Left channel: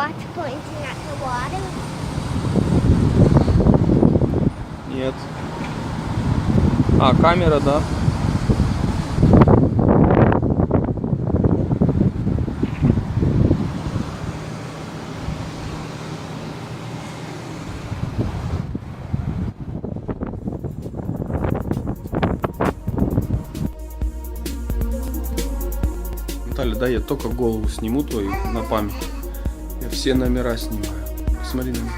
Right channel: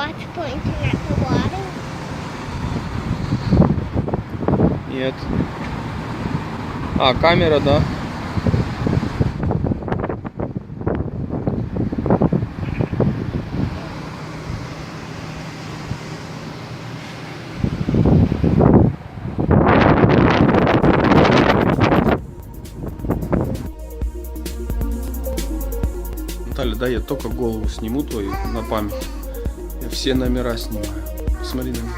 watch pointing at the water? Нет. А, камера, да? Наталья, да, я только голову сниму твою на память. Я все номера снимаю. Посмотри на меня.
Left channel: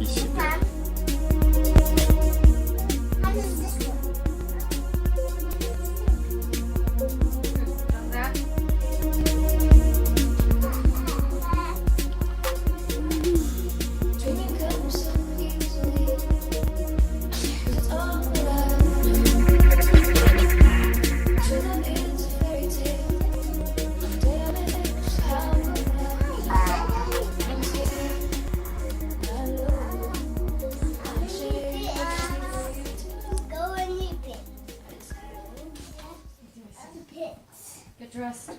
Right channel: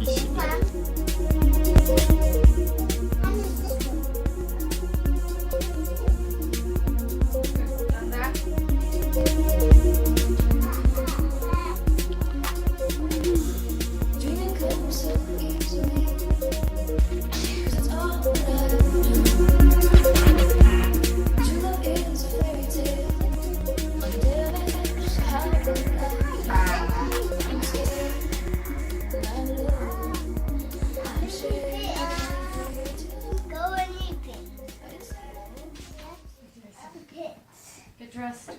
И себя. Get dressed.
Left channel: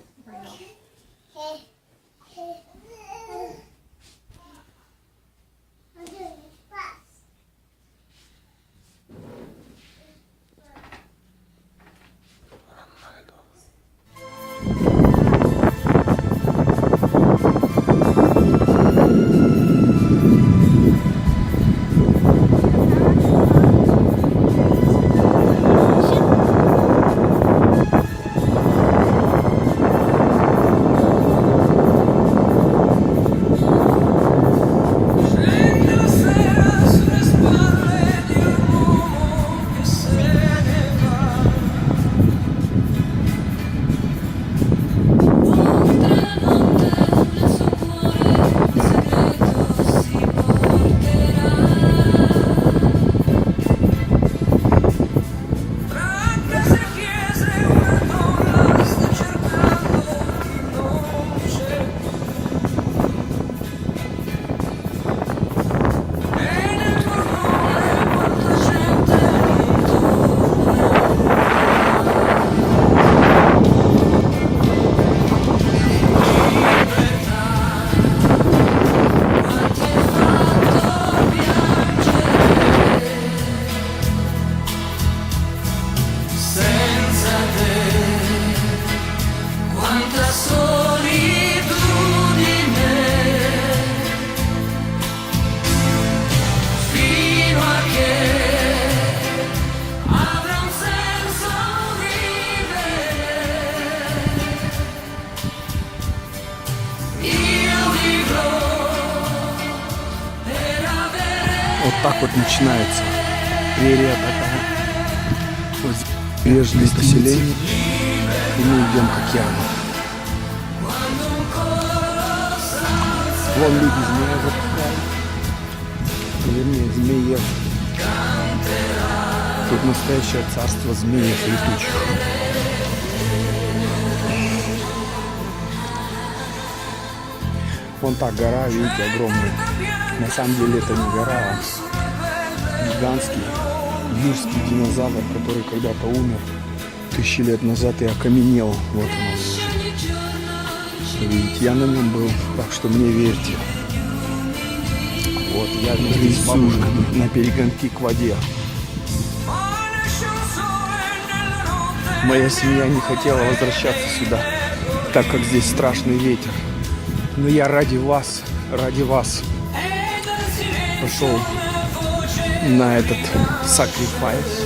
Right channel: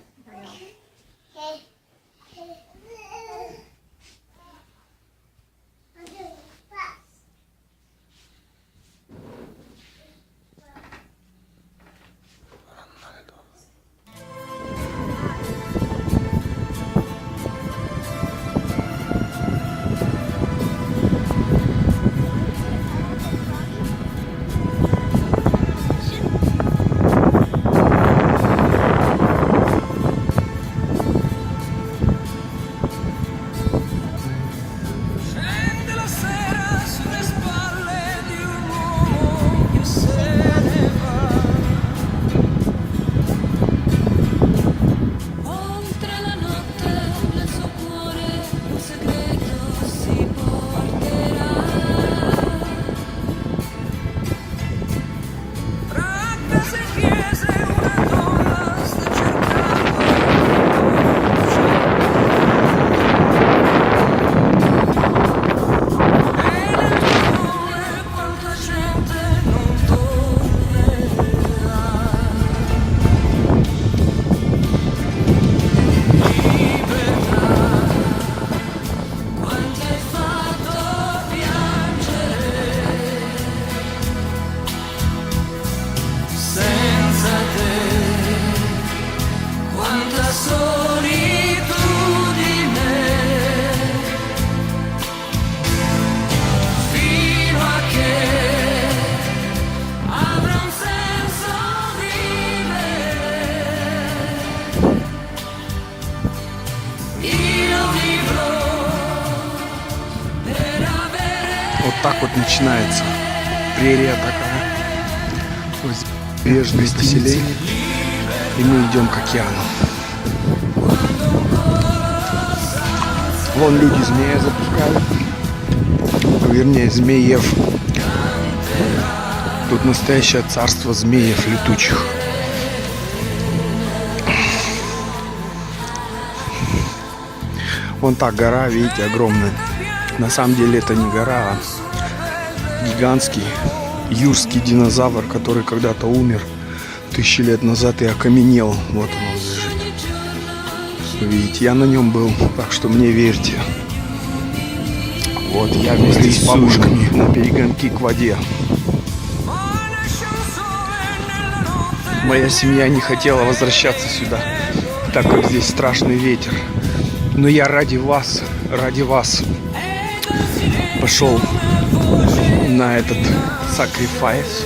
Вот так вот начинается прерия такая. Вот бережные поселения. И мы идем к океану. Вон люди змея запускали. Вернее, змеев. Тут настоящее царство змеев летучих. Вон та гора, видите, огромная. На самом деле это не гора, а гигантский юрский динозавр, который когда-то умер 1000 лет назад и окаменел. Вот он лежит. Видите, я на нем был, так что мне верьте. Вот я вместе с бабушками на перегонки к воде. Моя семья не хотела возвращаться сюда, так как здесь страшный ветер. Но я ради вас пошел на этот sacrifice.